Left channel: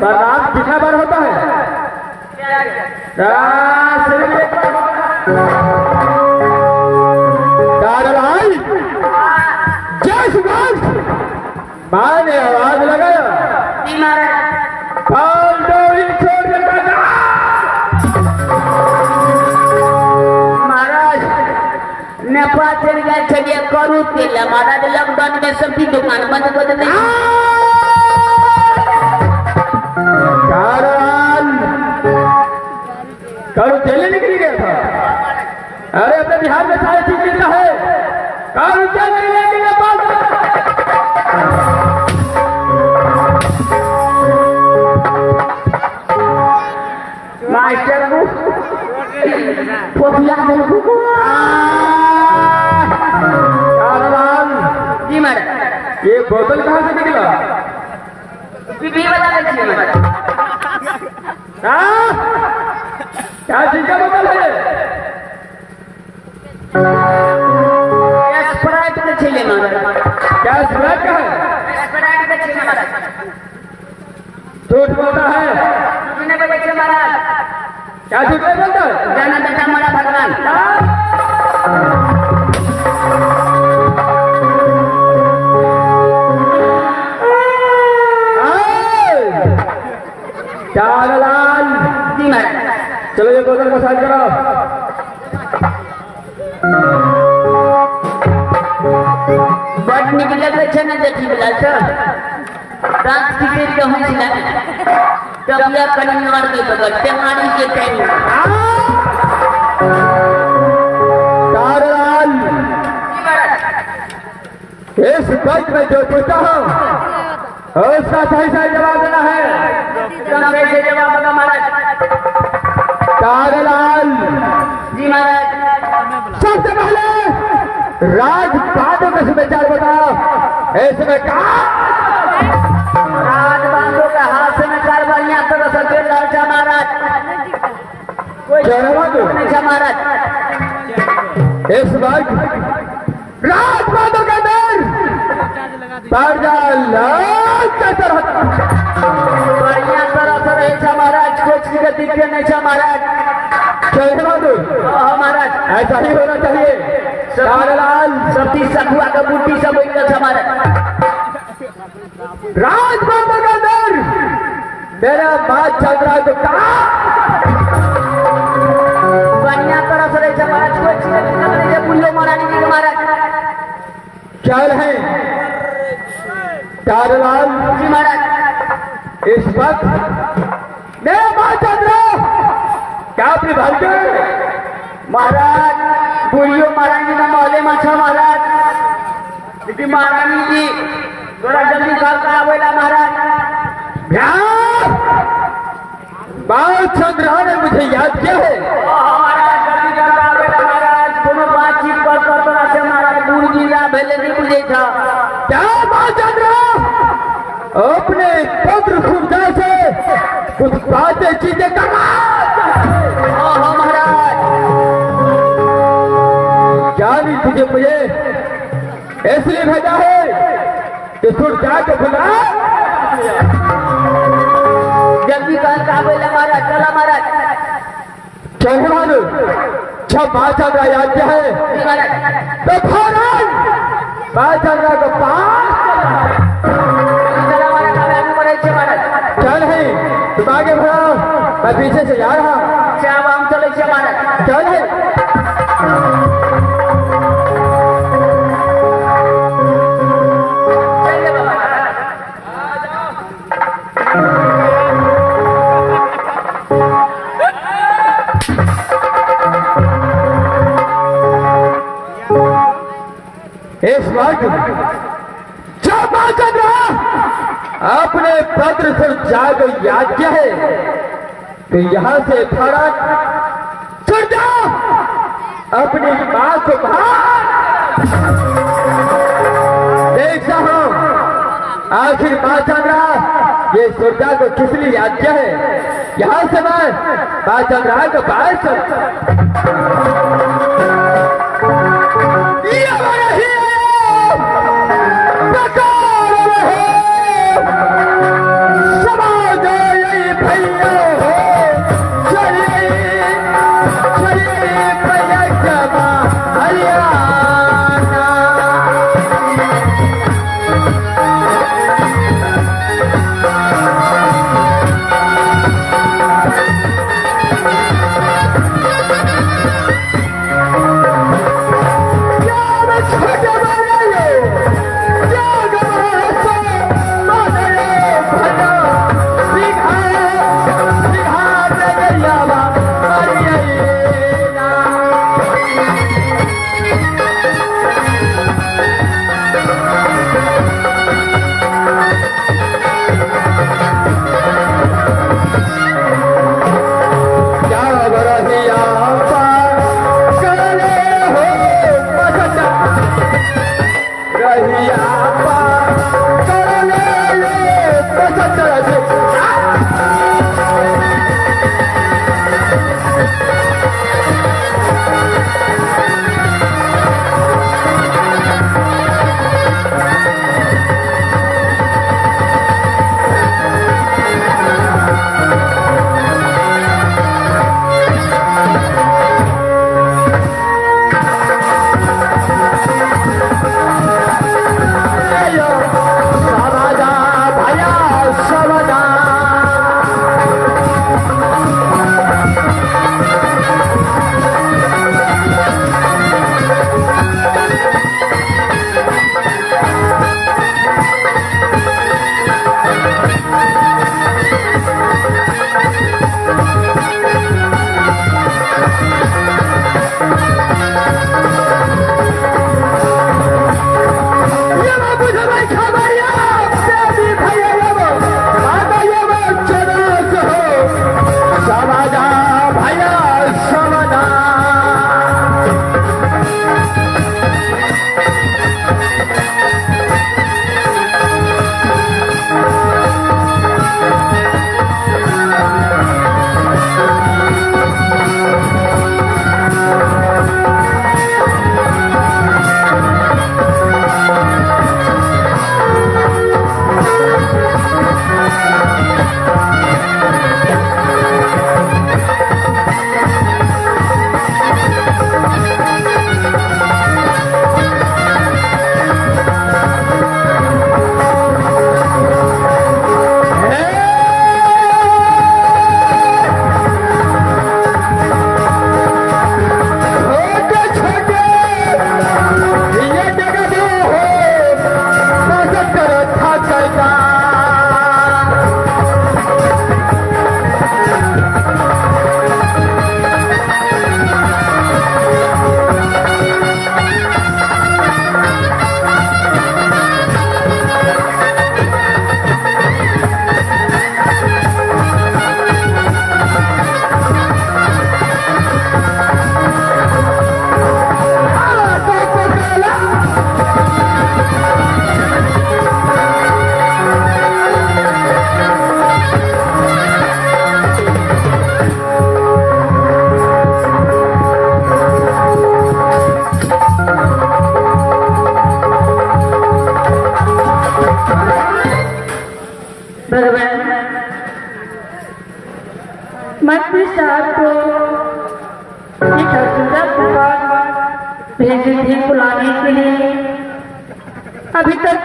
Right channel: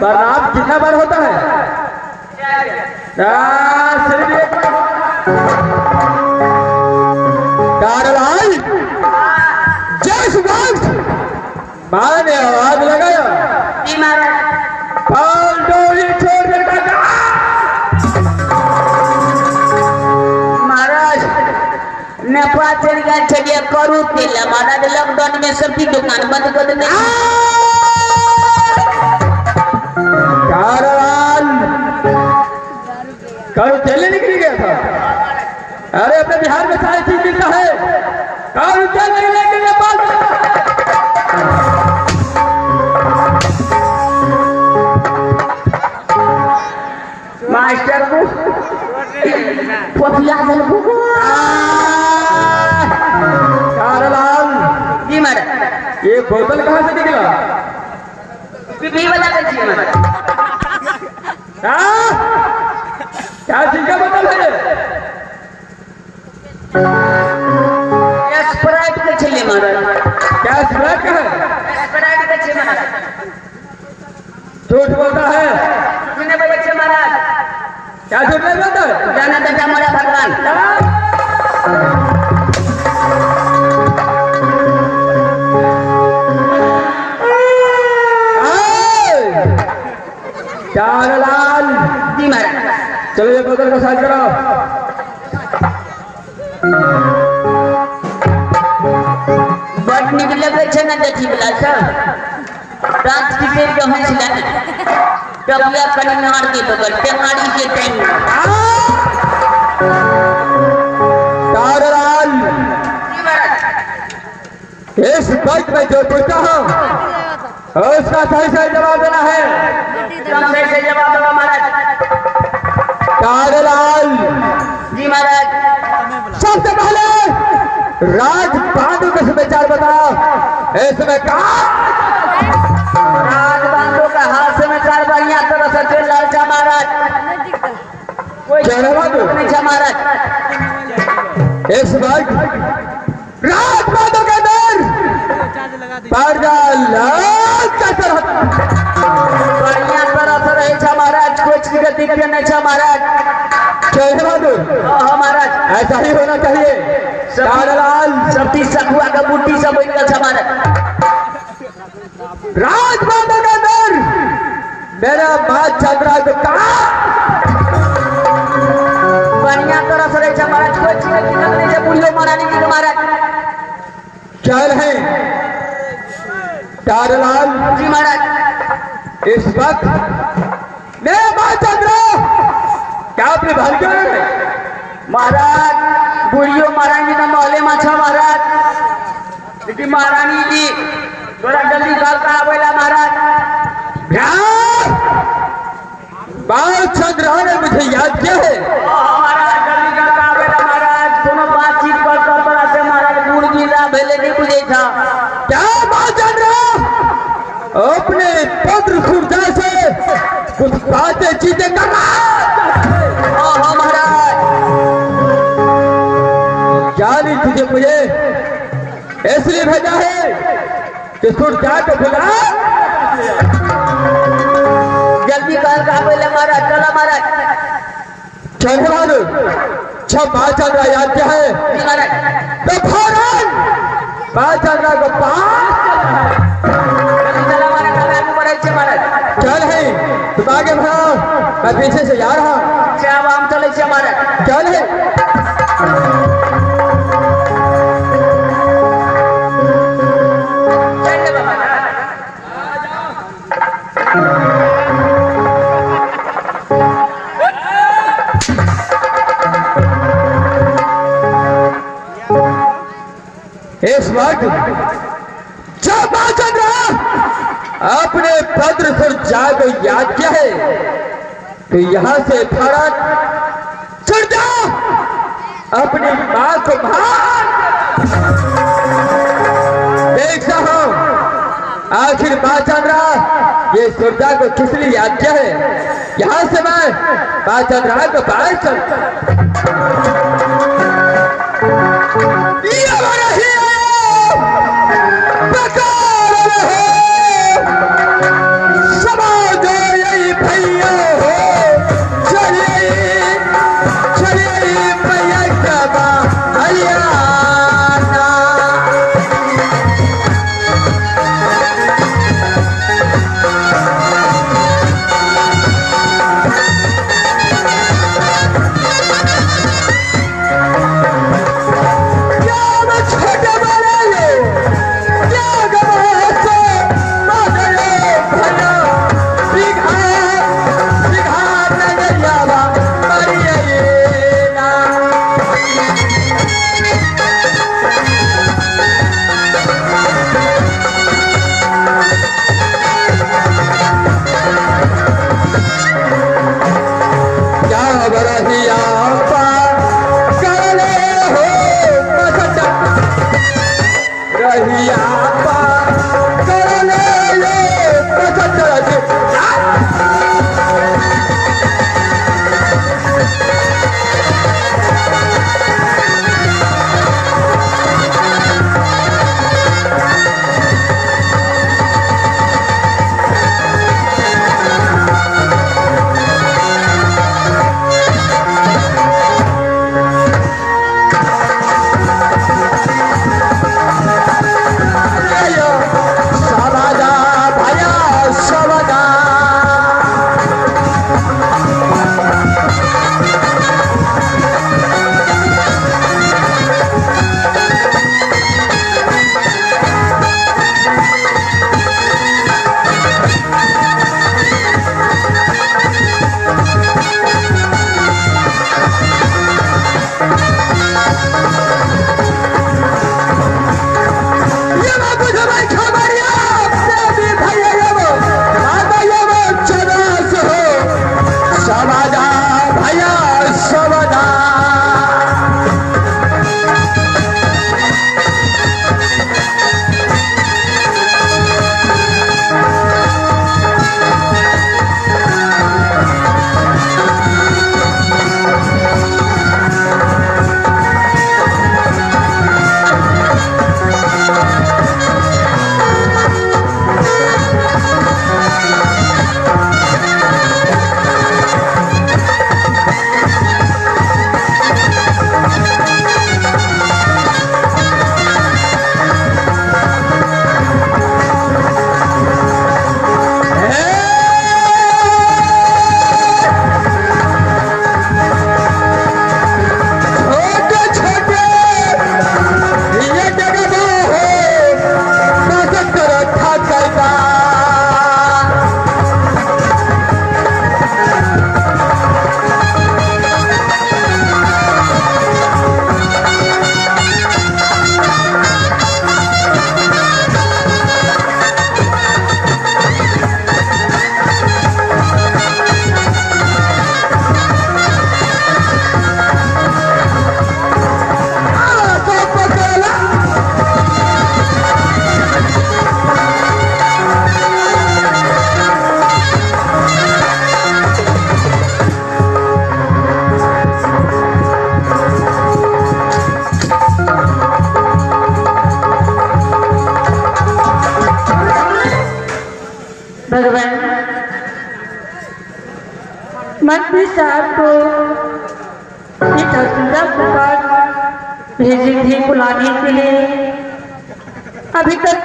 बरात कितना बार होता है? जय श्री राम। भाई ने आवाज लगाया महाराज नेपाल चल गया, चलिए करू केला महाराज। लॉकडाउन में सबकी दुकान बंद कर देते। कारू दिल्ली निकल गया था। अरे अपने बिहार में सारे चीज मिलता है। कारू दिल्ली निकल मास्टर को जी महाराज। ये बोतल कहाँ से निकला? पिपली वाला क्या चीज का बोतल है? स्प्राइट में चले महाराज। क्या स्प्राइट का है? स्प्राइट में चले महाराज। झूठ बोलता है। सुनने वाले अच्छे महाराज। क्या झूठ बोलता है? जाना बेटा हमारा भगवान। जी महाराज। चलो ये बोतल को साइड करो। बट निकले तो अच्छा ना देखी बिला सर। रात की से कहूँ सिला टबिया करी नवर के बगल टेमाड़ी के टाइम तारलाल। इस बाइक में जो पूछता हूँ उसका सही सही जवाब देना है। एकदम सही से जवाब देना महाराज। तारलाल जी महाराज। सबसे पहले राजबांधों का समाचार बताओ। इसमें कहा राजबांधों का हाथ समाचार बढ़िया तरह से चल रहा है महाराज। कोई नहीं था महाराज। इस वक्त राजबांधों के अंदर बढ़िया तरह से रहे था महाराज। कुछ गति नहीं था महाराज। महाराज ऐसा ही होना चाहिए। लाल सती सखुआ का बूटी सब महाराज। राजबांधों के अंदर मेरा बात चल रहा है तो कहा बढ़िया तरह से रहे महाराज। कुछ गति नहीं था पुलियो महारानी जी महाराज। चल है तारलाल जी महाराज। इस वक्त मेरा बात चल रहा क्या अपने भाग्य महाराज बुढ़ियो महारानी जी मोहल्ले में छो महाराज। लेकिन महारानी जी थोड़ा जल्दी घर का आवेला महाराज। बात चंद्रा ने मुझे याद किया है। महाराज जल्दी घर का आवेला महाराज। दोनों बातचीत करता तो आते महाराज बूढ़ मिला भले नहीं मुझे था। क्या बात चंद्रा अपने पत्र सुरता से कुछ बातें चीजें करना महाराज। जानी तुझे मुझे इसलिए भेजा है कि सुरता को बुला जल्दी घर का आवेला महाराज। चला महाराज। चंद्रा जब बात चल रहा याद क्या है जी महाराज। तो फौरन बात चल रहा को पास चला महाराज। चल है तुम आगे बढ़ाओ मैं पीछे से जा रहा हूँ। चाव हम चले महाराज। चल है इस वक्त जब बात चल रहा अपने पत्र पर जाकर याद किया है कि यहाँ से फड़क चढ़ जाओ अपनी मां को बाहर देख रहा हूं। आखिर बात चल रहा ये सुरजा को किस लिए याद किया है। यहाँ से मैं बात चल रहा तो बाहर चल बेटा सुंदर के पास भेजे थे बुलाने के लिए, अभी तक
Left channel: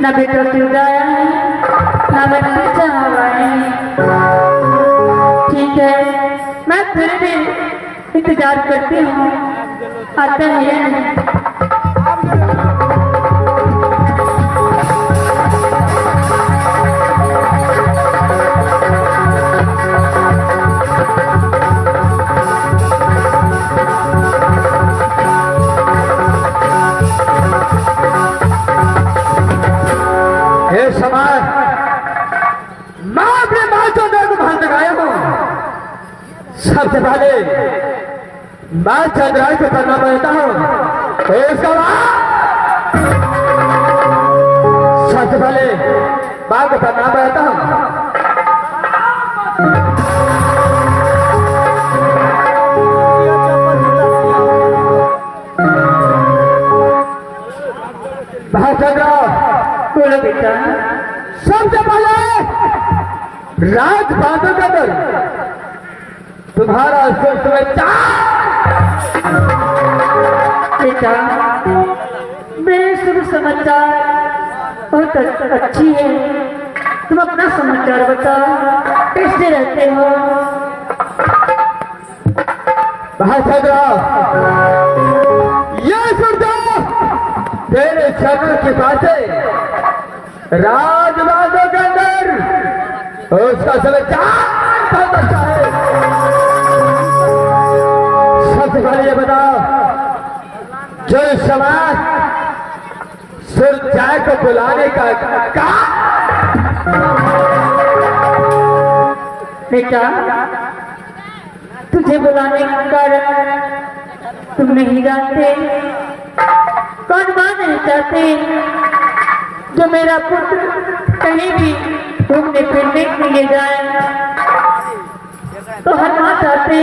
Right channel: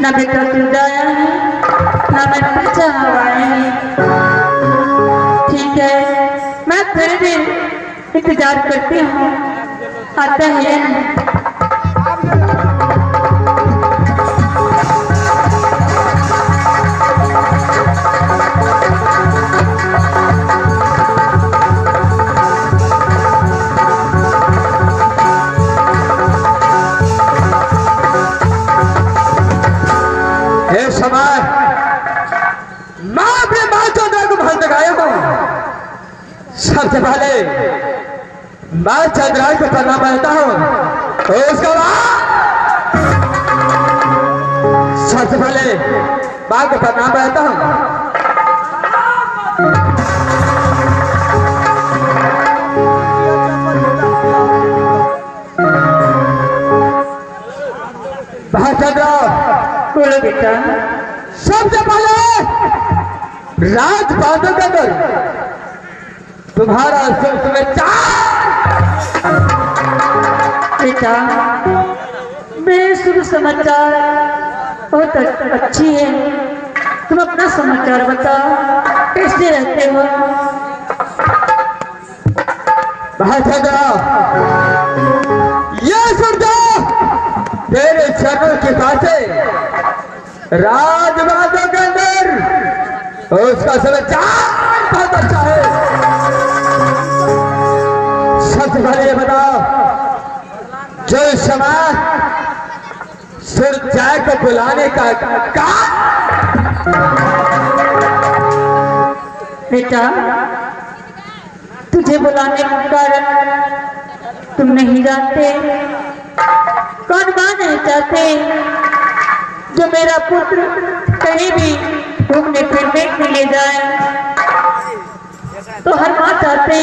न बेटा सुंदर आया है न मेरा बच्चा आया है। ठीक है, मैं थोड़ी देर इंतजार करती हूँ, आता है नहीं। ये समय मैं अपने माँ चंद्रा को भर लगाया हूँ। सबसे पहले मैं चंद्रा को करना पड़ता हूँ, उसके बाद सबसे पहले माँ को करना पड़ता हूँ। बोलो बेटा। सबसे पहले राजबांधों के अंदर तुम्हारा शुभेच्छा। बेटा बेशुभ समाचार बहुत अच्छी है, तुम अपना समाचार बताओ, कैसे रहते हो? ये सुन जाओ, तेरे चरण की बातें राजबांधों के अंदर उसका समाचार बहुत अच्छा है। सबसे पहले ये बताओ, जो समय सुरजाय को बुलाने का बेटा तुझे बुलाने का कारण तुम नहीं जानते, कौन मां नहीं चाहते जो मेरा पुत्र कहीं भी घूमने फिरने के लिए जाए, तो हर मां चाहते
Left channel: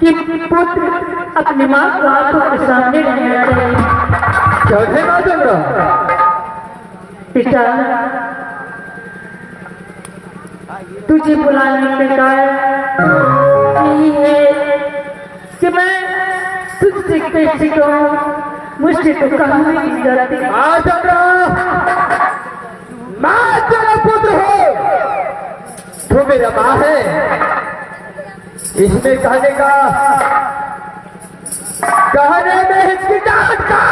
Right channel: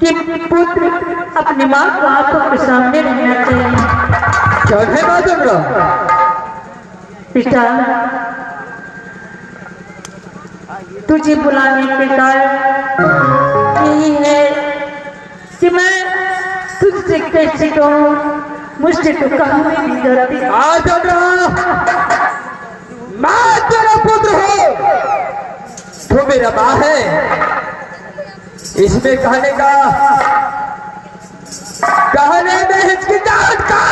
कि पुत्र अपनी मां को आंखों के सामने रहना चाहिए। चौथे बात बेटा तुझे बुलाने के कारण यही है कि मैं तुझसे कैसे कहूँ, मुझसे तो कहा नहीं जाती। मैं तेरा पुत्र हूँ, तू मेरा माँ है, इसमें कहने में हिचकिचाहट का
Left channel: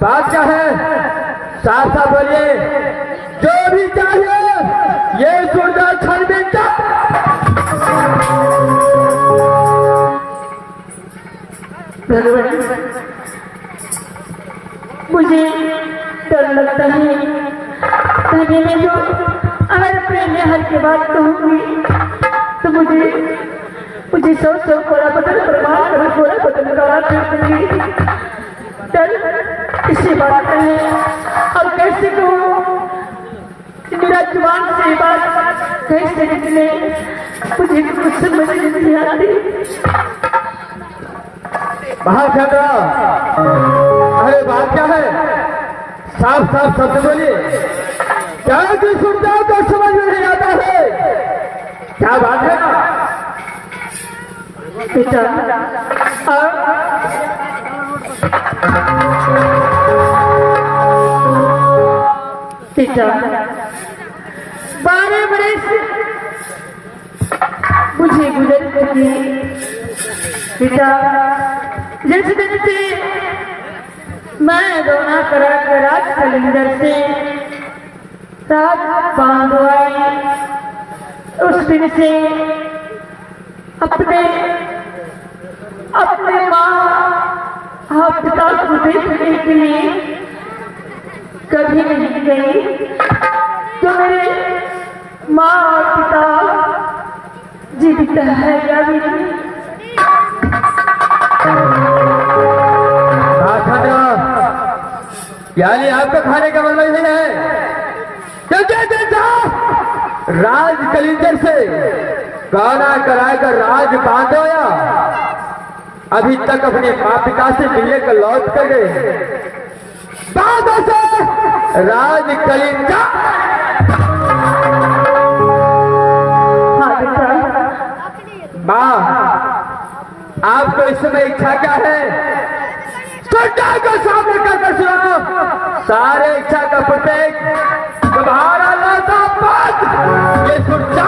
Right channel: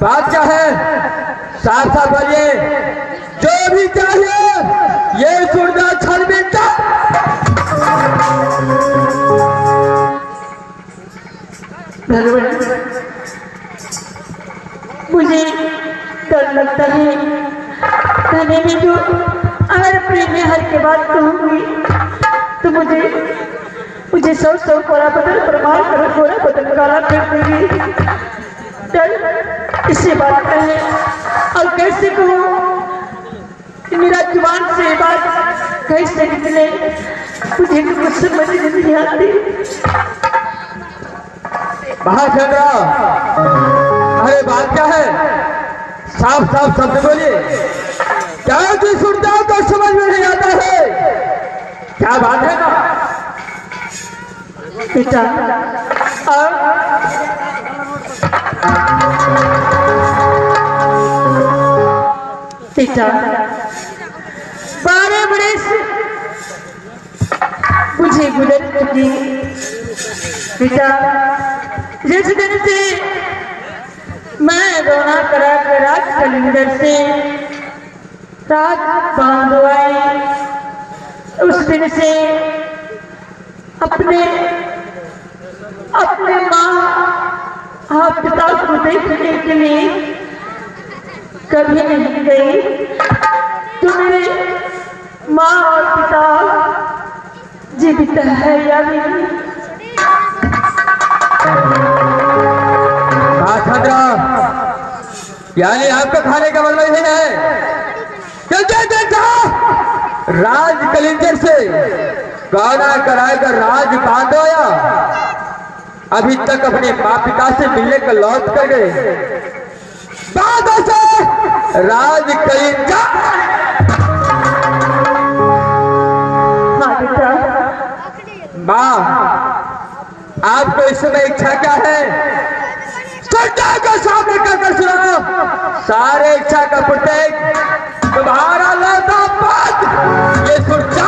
बात क्या है? साफ साफ बोलिए, जो भी चाहिए ये सुनना क्षण बेटा। भगवान मुझे डर लगता है, कहने में तो अगर प्रेम में हर के बात कहूँगी तो मुझे सौ कोरा बदल प्रमाण कर कोरा बदल काला कर दूंगी। डर इसी बात का है, और कैसे कहूँ कि मेरा जुबान से बात कैसे निकले, मुझे कुछ समझ नहीं आती। महाचंद्र, अरे बात क्या है? साफ साफ शब्द बोलिए, क्या जो सुनता है तो समझ में नहीं आता है, क्या बात है ना? बेटा बेटा 12 बरस मुझे गुजर चुकी बेटा, जिस दिन से मैं रोना करा कर राज कलिंदर से राज बांधो आई, उस दिन से अपने माँ पिता को देखने के लिए कभी नहीं गई, तो मेरे माँ और पिता जीवित है या नहीं? यानी आपका खाने का मतलब यही है राज कलिंजर से गाना कराकर राज बांधोया, अभी तक अपने माँ पिता से मिलने का लौट कर गए, बांधो से राज कलिंजर। हाँ बेटा माँ, आपको इस समय इच्छा क्या है? सत्य को सामने कर सुनाओ। सारे इच्छा का प्रत्येक तुम्हारा लौटा पद ये सुरक्षा।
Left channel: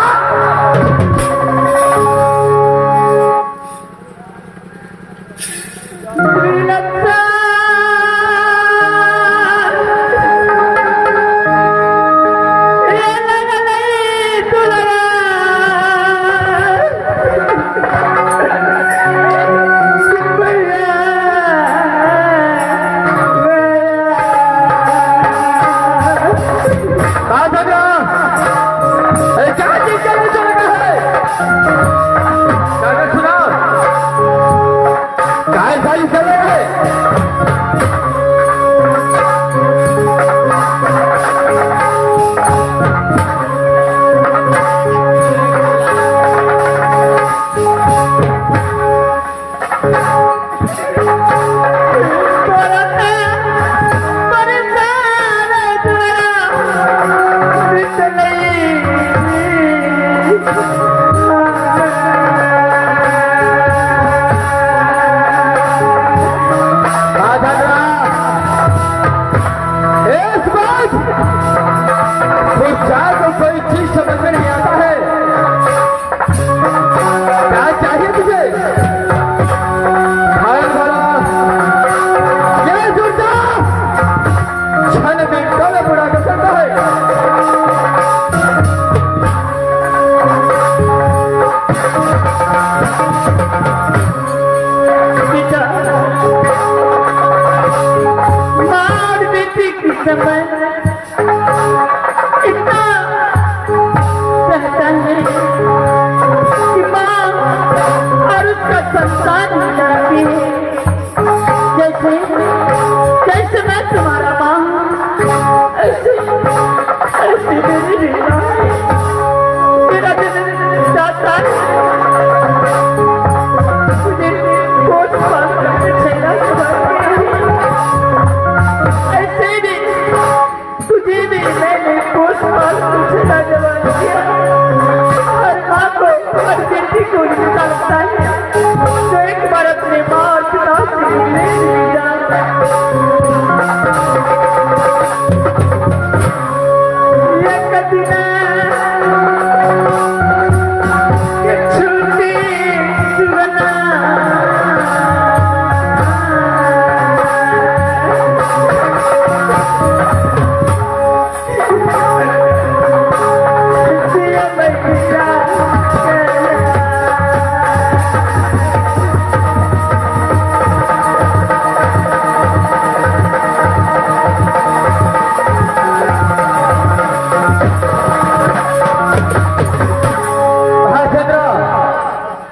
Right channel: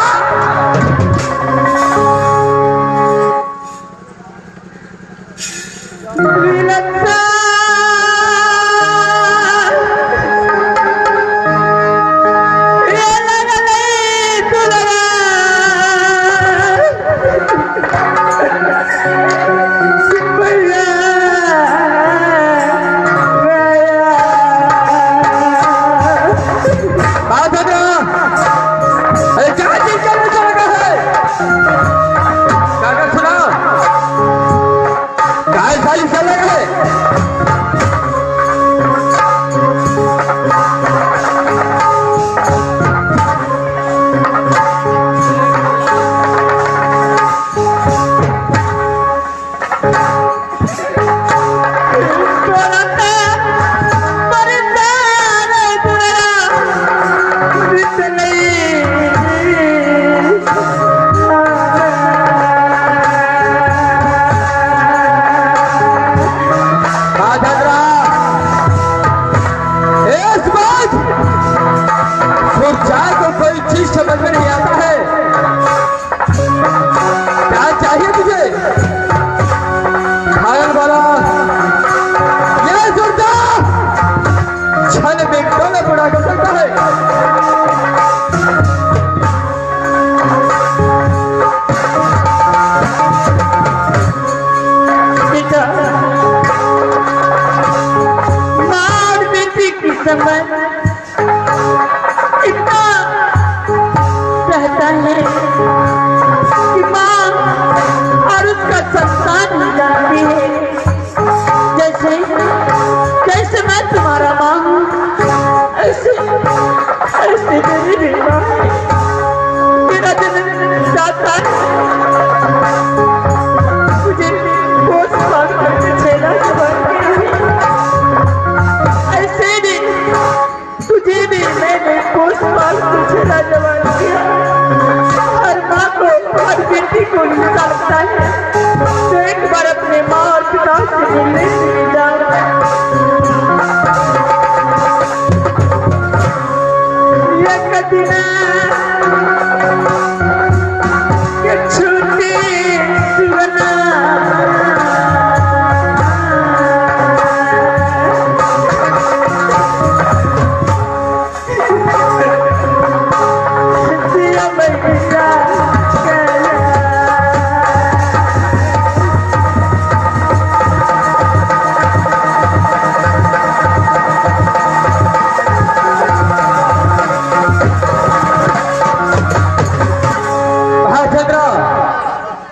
समय